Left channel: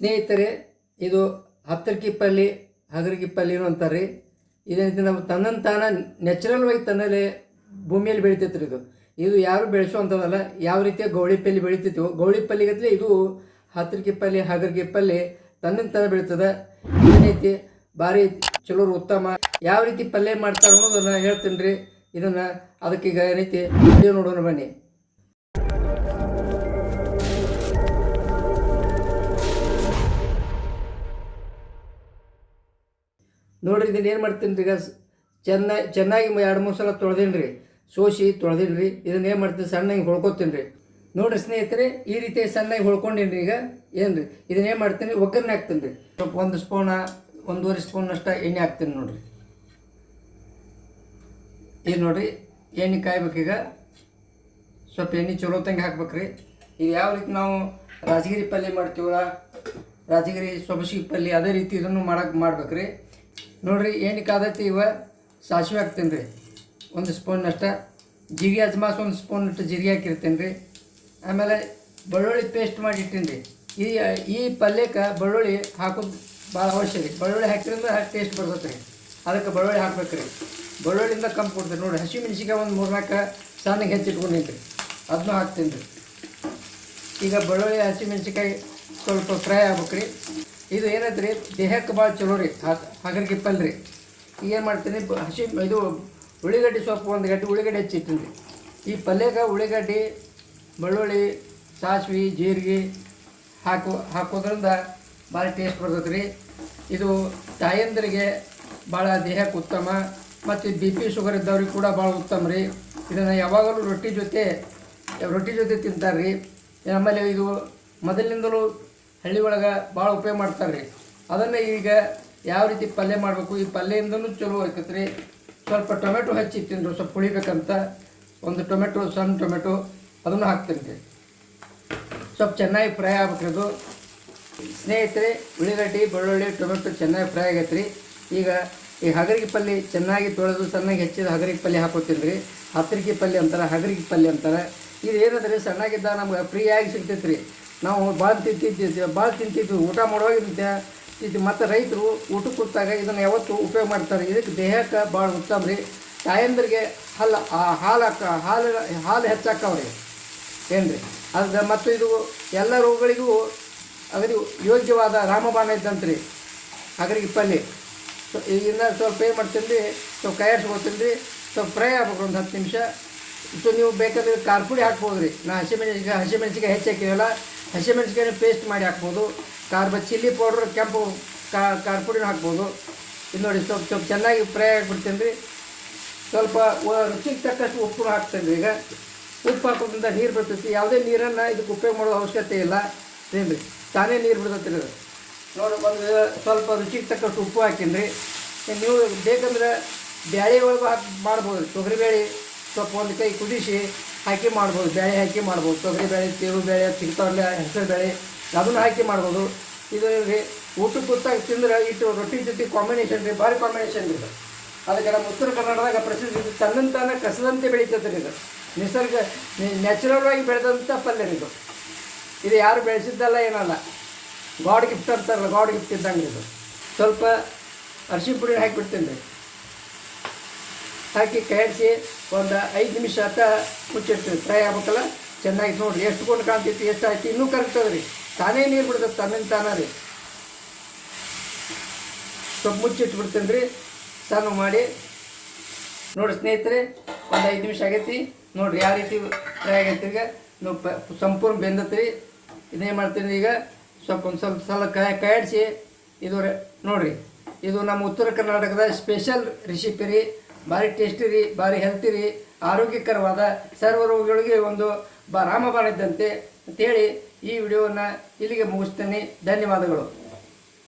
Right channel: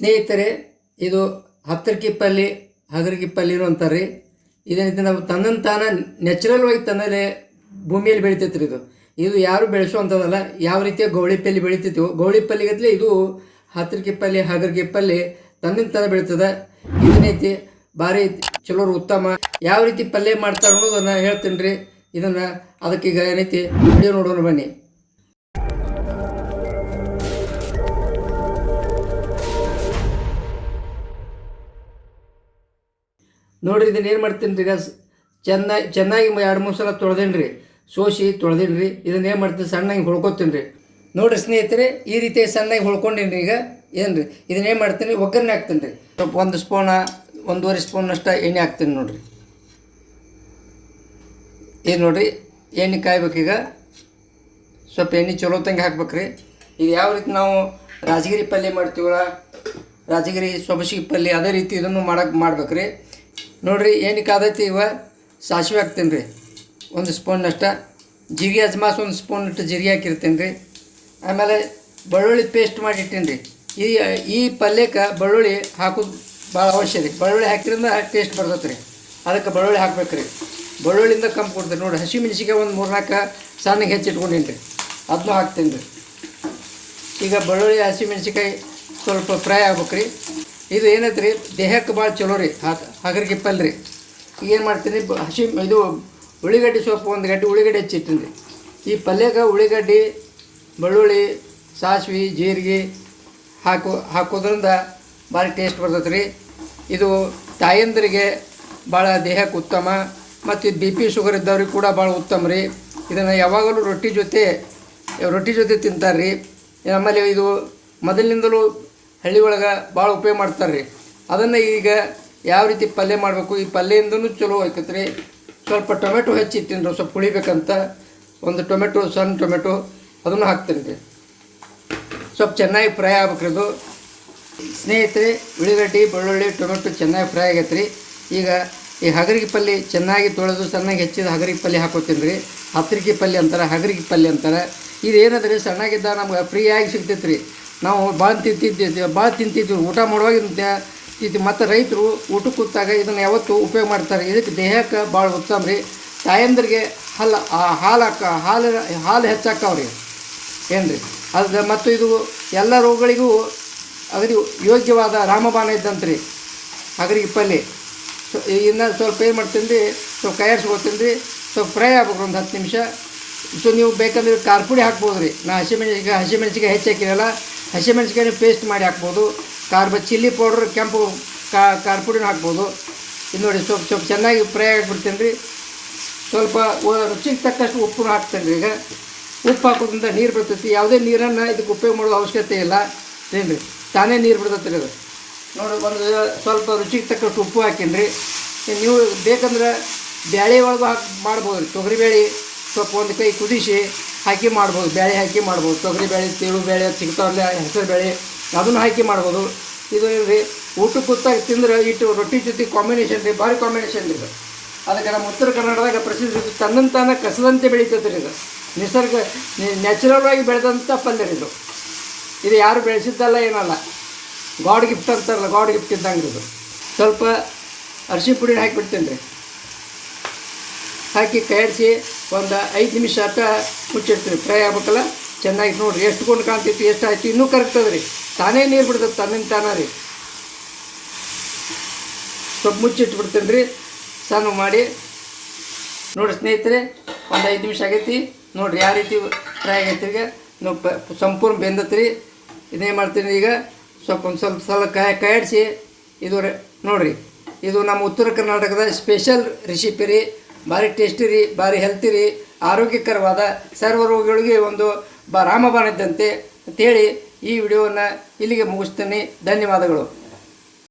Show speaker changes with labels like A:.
A: ಸ್ನೇಹಿತರೆ, ಇದು ಹತ್ತರಕಿ ಪಲ್ಲಿ ಹಗರಗಿ ಪಲ್ಲಿನೂ ಅಂತಾರೆ ರೀ ಇದನ್ನ ನಾವು ತನ್ನನ್ನು ತಾನ ನ್ಯಾಚುರಲ್ ಆಗಿ ತನ್ನಲ್ಲೇ ಭೂಮಿಯಲ್ಲಿ ಬೆಳಿತೈತೆ ರೀ ಇದು. ಇದು ಯಾರು ಬೆಳೆಸುವಂಥದ್ದಲ್ಲ, ಯಾವ ರೀತಿಯ ಗೌಳಿ ಪಲ್ಲಿ ಬೆಳಿತೈತಿವೋ ಗೌಳಿ ಪಲ್ಲಿಗತ್ಲೆ ಇದು ಹತ್ತರ ಪಲ್ಲಿ ಹಗರಗಿ ಕಿಪ್ಪಲ್ಲಿ ತನ್ನಿಂದ ತಾನ ಬೆಳೀತದೆ. ಏನೈತಿ ಭಾರಿ ಚಲೋರು ಉತ್ತಮ, ಯಾವ ರೀತಿ ಪಲ್ಯ ಮಾಡ್ತಾರೆ ಅನ್ನೋದನ್ನು ಹೇಳ್ತೀನಿ ರೀ ಇದನ್ನು ಅದಕ್ಕೀಗ ಏನೈತಿ ನೋಡೋಣ ಬನ್ನಿ. ನೋಡ್ರಿ ಇದನ್ನ ಏನು ಮಾಡ್ತೀನಿ ರೀ ಚೆನ್ನಾಗಿ ಚೆನ್ನಾಗಿ ಎರಡು ಮೂರು ಸಲ ತೊಳೆದೇನಿ ರೀ. ಸೋಸಿ ತೊಳೆದೇನಿ ರೀ. ಇದನ್ನ ಏನು ಮಾಡ್ತೀನಿ? ಸಣ್ಣಗೆ ಹೊಳ್ಕೊತೀನಿ ರೀ. ನೋಡಿರಿ ಸ್ನೇಹಿತರೆ, ಈ ರೀತಿ ಸಣ್ಣಗೆ ಹೊಳ್ಕೊಂಡೇನಿ ರೀ ಈಗ. ಏನು ರೀ? ಇದನ್ನ ಏನು ಮಾಡ್ತೀನಿ? ಒಗ್ಗರಣೆ ಹಾಕ್ತೀನಿ ರೀ. ಸ್ವಲ್ಪ ಒಂದು ಸ್ಪೂನ, ಒಂದೂವರೆ ಸ್ಪೂನಷ್ಟು ಎಣ್ಣೆ ಹಾಕ್ತೀನಿ ನೋಡಿರಿ. ಏನು ನೋಡಿರಿ, ಎಣ್ಣೆ ಕಾಯ್ಬೇಕೀಗ. ಸ್ವಲ್ಪ ಎಣ್ಣೆ ಚಲೋ ತಂಗೆ ಹಾಕ್ಬೇಕ್ರಿ ಇದು ಯಾವ ರೀತಿ ನಾವು ರಾಜಗಿರಿ ಪಲ್ಯ ಮಾಡ್ತೀವಲ್ಲ, ರಾಜಗಿರಿ ಸೊಬಸಿಗೆ ಪಲ್ಯ, ಅದೇ ರೀತಿ ಇದನ್ನು ಮಾಡಕ್ಕೆ ಮಾಡ್ಬೇಕ್ರಿ ನೋಡ್ರಿ ಏನಕ್ಕೆ ಆದೈತಿ ಇವ? ಸಾಸಿವೆ ಹಾಕ್ತೀನಿ ರೀ ಒಂದು ಸ್ಪೂನ್ನಷ್ಟ ಜೀರಿಗೆ ಅಜ್ಮಾಸ್ ಒಂದು ಸ್ಪೂನ್ ಇಟ್ಟು ಜೀರಿಗೆ ಹಾಕಿರ್ತೀನಿ ರೀ ಆಮೇಲೆ ಬೆಳ್ಳುಳ್ಳಿ ಪೇಸ್ಟ್ ಮಾಡಿ ಇಟ್ಟೀನಿ ರೀ ಈ ಈ ಪಲ್ಯಕ್ಕೆ ಬೆಳ್ಳುಳ್ಳಿ ಹಾಕೋದು ಭಾಳ ಅವಶ್ಯ ರೀ ಬೆಳ್ಳುಳ್ಳಿ ಹಾಕಿದ್ರಿಂದ ಟೇಸ್ಟ್ ಬರ್ತೈತೆ ರೀ ಅದಕ್ಕೆ ಬೆಳ್ಳುಳ್ಳಿ ಹಾಕ್ಬೇಕು ರೀ ಬೆಳ್ಳುಳ್ಳಿಯಿಂದ ಕಮ್ಮಿ ಕೊಡ್ತೀನಿ ನೋಡಿ ಹಸಿ ಮೆಣಸಿಗೆ ಒಂದು ಮೂರ್ನಾಲ್ಕು ಸಣ್ಣಗೆ ಹೆಚ್ಚಿಟ್ಕೊಂಡೀನಿ ರೀ ಅದನ್ನೂ ಹಾಕ್ತೀನಿ ರೀ ಈಗ ಬೆಳ್ಳುಳ್ಳಿ, ಹಸಿ ಮೆಣಸಿಕಾಯಿ ಸ್ವಲ್ಪ ಫ್ರೈ ಆಗ್ಬೇಕು ರೀ ಇದು ಏನೈತೆ ರೀ ದೇಹಕ್ಕೆ ಭಾಳ ಚಲೋ ರೀ. ಹಗರಿಗೆ ಪಲ್ಯ ರೀ. ಈಗ ಏನು ಮಾಡ್ತೀನಿ? ಹಸಿ, ಇದು ಉಳ್ಳಿಗಡ್ಡೆ ಸೊಪ್ಪು ಒಂದು ಗಡ್ಡೆ ಉಳ್ಳಿಗಡ್ಡೆ ಹೆಚ್ಚಿಟ್ಟಿನಿ ಈ ಪಲ್ಯಕ್ಕೆ ಉಳ್ಳಿಗಡ್ಡೆ ಬೆಳ್ಳುಳ್ಳಿ, ಸಾಸ್ವೆ, ಜೀರಿಗೆ ಹಾಕೋ, ಹಾಕೋದ್ರಿಂದ ಭಾರಿ ಟೇಸ್ಟ್ ಬರ್ತೈತೆ ರೀ ಇದು ತಾಯಂದರಿಗೆ ಭಾಳ ದೇಹಕ್ಕೆ ಉತ್ತಮ. ಮತ್ತು ಬಿ ಪಿ ಶುಗರ್ ಇದ್ದವ್ರಿಗೆ ಕೂಡ ಭಾಳ ಉತ್ತಮ ರೀ. ಇದನ್ನು ಯಾವಾಗಲೂ ರೊಟ್ಟಿ ಜೊತೆ ರೊಟ್ಟಿ ಜೊತೆ ತಿಂತಾರೆ ರೀ ಆಮೇಲೆ ಇದು ಮೊದಲಿನಿಂದಲೂ ಹಳ್ಳಿ ಒಳಗೆ ಭಾಳ ಉಪಯೋಗ ಮಾಡ್ತಾರೆ ರೀ ಅದನ್ನು ಈಗ ಯಾವ ರೀತಿ ಪಲ್ಯ ಮಾಡಬೇಕು? ಈ ಪಲ್ಯದಿಂದನು ಚಲೋ ಆಯ್ತೈತೆ ರೀ ಸ್ವಲ್ಪ ಟೊಮೆಟೊ ಹೆಚ್ಚಿ ರೀ ಸ್ವಲ್ಪ ಪುಳಿಬೇಕಂತ ಒಂದು ಟೊಮೆಟೊ, ಸಣ್ಣ ಟೊಮೆಟೊ, ಅದನ್ನು ಹಾಕ್ತೀನಿ ರೀ ಸ್ವಲ್ಪ ಚೆನ್ನಾಗಿ ಫ್ರೈ ಆಗ್ಬೇಕ್ರಿ ಇದು ಸ್ನೇಹಿತರೆ, ಉಳ್ಳಿಗಡ್ಡೆ, ಬೆಳ್ಳುಳ್ಳಿ, ಟೊಮೆಟೊ ಚೆನ್ನಾಗಿ ಫ್ರೈ ಆಗೈತೆ ರೀ ಈಗ ಈ ಹಗರಿಗೆ ಪಲ್ಯ ಚೆನ್ನಾಗಿ ತೊಳೆದು ಚೆನ್ನಾಗಿ ಹೆಚ್ಚಿದ ಹಗರಿಗೆ ಪಲ್ಯ ಹಾಕೋತೀನಿ ರೀ ಹತ್ತರಿಕೆ ಪಲ್ಯ ಅಂತಾರೆ, ಹಗರಿಗೆ ಪಲ್ಯ ಅಂತಾರೆ. ಇದು ಏನದ ರೀ ಸಣ್ಣಗಿದ್ದ ನಮ್ಗೆ ಫ್ರೀಯಾಗಿ ಸಿಗ್ತೈತೆ ರೀ ನಾವು ಭಾಳ ತಿಂತಿದ್ದೆ ಭಾಳ ತಿಂತಿದ್ವಿ, ಊಟ ಮಾಡುವಾಗ ಇದು ಮತ್ತು ರೈತರು ಊಟಕ್ಕೆ ಕೂತಾಗ ಇದನ್ನು ಯಾವತ್ತು ಉಪಯೋಗ ಮಾಡ್ತಾರೆ. ಇದಕ್ಕೆ ದೇಹಕ್ಕೆ ಭಾಳ ಉತ್ತಮ ರೀ. ತಾಯಂದ್ರಿಗೆ ಹಲ್ಲ ಹಾಲು ಹಾಕ, ಹಾಲು ಹಾಲು ಹೆಚ್ಚಾಕವ್ರಿ. ಏನು ರೀ ಅದು ಮತ್ತು ಇದು ಎಲ್ಲ ರೋಗಗಳಿಗೂ ಅಗದಿ ಯೋಗ್ಯವಾದ ರಾಮಬಾಣ ರೀ ಅಗರಿಗೆ ಪಲ್ಯ ಇನ್ನು ಸ್ವಲ್ಪ ಏನು ಮಾಡ್ತೀನಿ ರೀ ಸ್ವಲ್ಪ ಕೈಯಾಡ್ಸ್ಕೊತೀನಿ ರೀ ಸ್ವಲ್ಪ ಫ್ರೈ ಆಗ್ಬೇಕು ಒಂದು ಹತ್ತು ನಿಮಿಷ. ಸೊ, ನೀವು ಬೇಕಂದ್ರೆ ಖಾರ ಪುಡಿ ಹಾಕ್ಬೋದು ರೀ ನಾ ಹಸಿಮೆಣಸಿಗೆ ಹಸಿಮೆಣಸಿಗೆ ಹೆಚ್ಚು ಹಾಕಿರಲ್ಲ ಹಸಿಮೆಣಸಿಕಾಯಿ ಪೇಸ್ಟ್ ಮಾಡಿ ಹಾಕ್ಬೋದು. ಕಾರ್ಬ ಚಿಲ್ಲಿ ಪೌಡ್ರ್ ಕೆಂಪು ಖಾರ ಪುಡಿನ ಹಾಕ್ಬೋದು. ಇದು ನೋಡಿ ಸ್ವಲ್ಪ ಸ್ವಲ್ಪ ಚೆನ್ನಾಗಿ ಫ್ರೈ ಆಗಿಬಿಡ್ತೀನಿ ರೀ ಸ್ವಲ್ಪ ರುಚಿಗೆ ತಕ್ಕಷ್ಟು ಉಪ್ಪು ಹಾಕ್ತೇನೆ ರೀ ಈಗ. ಉಪ್ಪು ಹಾಕೋದ್ರಿಂದ ನೀರು ಬರ್ತೈತಿ. ಯಾವುದೇ ನೀರನ್ನು ಇದಕ್ಕೆ ಉಪಯೋಗ ಮಾಡೋ ಅವಶ್ಯಕತೆ ಇಲ್ಲ. ಏನು ರೀ ತಾನೇ ನೀರು ಬಿಡ್ತೈತೆ ರೀ ಅದು. ನೋಡಿ, ಒಂದು ಸ್ವಲ್ಪ ರುಚಿಗೆ ತಕ್ಕಷ್ಟು ಉಪ್ಪು ಹಾಕೀನಿ ರೀ ನೀವು ಬೇಕಂದ್ರೆ ಬ್ಯಾಳೆ ಒಳಗೆ ಹಾಕಿ ಮಾಡ್ಬೋದು ರೀ ತೊಗರಿಬೇಳೆ ಸ್ವಲ್ಪ ಒಂದು ಕೈ ಕುದಿಸಿ ಹಾಕಿ ಮಾಡ್ಬೋದು, ಬೇಳೆ ಹಾಕಿ ಮಾಡ್ಬೋದು ತೊಗರಿಬೇಳೆ ತಿಳು ಬೇಳೆ ಸಿಗ್ತಾವಲ್ಲ ಹೆಸರು ಬೇಳೆ, ಅದನ್ನು ಹಾಕಿ ಮಾಡ್ಬೋದು. ಇದು ರೀ ಊಟಕ್ಕೆ ಕೂತಾಗ ತಿಂದ್ರೆ ಇಟ್ಟು ರೊಟ್ಟಿ ಜೊತೆ ಕಾಂಬಿನೇಷನ್ ರೀ, ಭಾರಿ ಕಾಂಬಿನೇಷನ್ ರೀ ಅದಕ್ಕೆ ನಮ್ಮ ಉತ್ತರ ಕರ್ನಾಟಕದಾಗ ಪ್ರಸಿದ್ಧ ತನ್ನಂತಾನ ಕಸದಂತೆ ಬೆಳೀತೈತೆ ರೀ ಇದು. ನಿಸರ್ಗ ನ್ಯಾಚುರಲ್ ಆಗಿ ಬೆಳೆದಂಥ ಪಲ್ಯ ರೀ ಇದು. ಇದು ಯಾರು ಬೆಳೆಸಿದ್ದಲ್ಲ ಏನಲ್ಲ. ಗಾಡ್ ಗಿಫ್ಟ್ ಅಂತಾರಲ್ಲ ಗಾಡ್ ಗಿಫ್ಟ್ ಇದ್ದಂಗೆ ಇದು. ಸ್ವಲ್ಪ ಅರ್ಶಿ ಪುಡಿ ಹಾಕಿಬಿಡ್ತೀನಿ ರೀ ಹಾಕಿ ಕೈಯಾಡಿಸಿ ಒಂದು ಐದು ನಿಮಿಷ ಅಷ್ಟ ಮುಚ್ಚಿರ್ತೀವಿ ಫ್ರೈ ಆಗ್ಬೇಕಲ್ಲ? ಚೆನ್ನಾಗಿ ನೋಡಿರಿ. ಎಷ್ಟು ಕೊಂಡು ಕಾಣ್ತೈತಿ, ಎಷ್ಟು ಆಯ್ತು, ಇನ್ನೂ ಕರಗ್ತದೆ ರೀ ತಾನೇ ನೀರು ಬಿಡ್ತದೆ, ತನ್ನಿಂದ ತಾನೇ ರೀ. ಸ್ವಲ್ಪ ಮುಚ್ಚಿಟ್ಬಿಡ್ತೀನಿ ರೀ. ಸಣ್ಣ ಮಾಡಿ. ನೋಡಿ ಸ್ನೇಹಿತರೆ, ಒಂದು ಐದು ನಿಮಿಷ ಆಗೈತಿ. ನೋಡಿರಿ ಯಾವ ರೀತಿ ಫ್ರೈ ಆಗೈತಿ ಈಗ. ನಾವು ಸಂಪೂರ್ಣ ಬೆಂದತ್ರಿ ಇದೇನು ಮಾಡ್ತೀನಿ ಈಗ. ಸ್ವಲ್ಪ ಒಂದು ಸ್ವಲ್ಪ ಸಲ ಕಾಯಿ ಕಾಯಿಡಿಸಿ. ಇದು ನೋಡಿರಿ. ಇದು ನಮ್ಮ ಉತ್ತರ ಕರ್ನಾಟಕದ ಸ್ಪೆಷಲ್ ರೆಸಿಪಿ ರೀ. ಭಾರಿ ಟೇಸ್ಟಿ ರೀ ಭಾರಿ ಹೆಲ್ತಿ ರೀ ಆರೋಗ್ಯಕರವಾದ ಸರ್ವ ರೋಗಿಗಳಿಗೆ ಒಂದು ಬ ರಾಮಬಾಣ ಇದ್ದಂತೆ ಅಂತೇಳಿ ಈ ವಿಡಿಯೋವನ್ನು ಇಲ್ಲಿಗೆ ಮುಗಿಸ್ತೇನೆ. ಧನ್ಯವಾದಗಳು.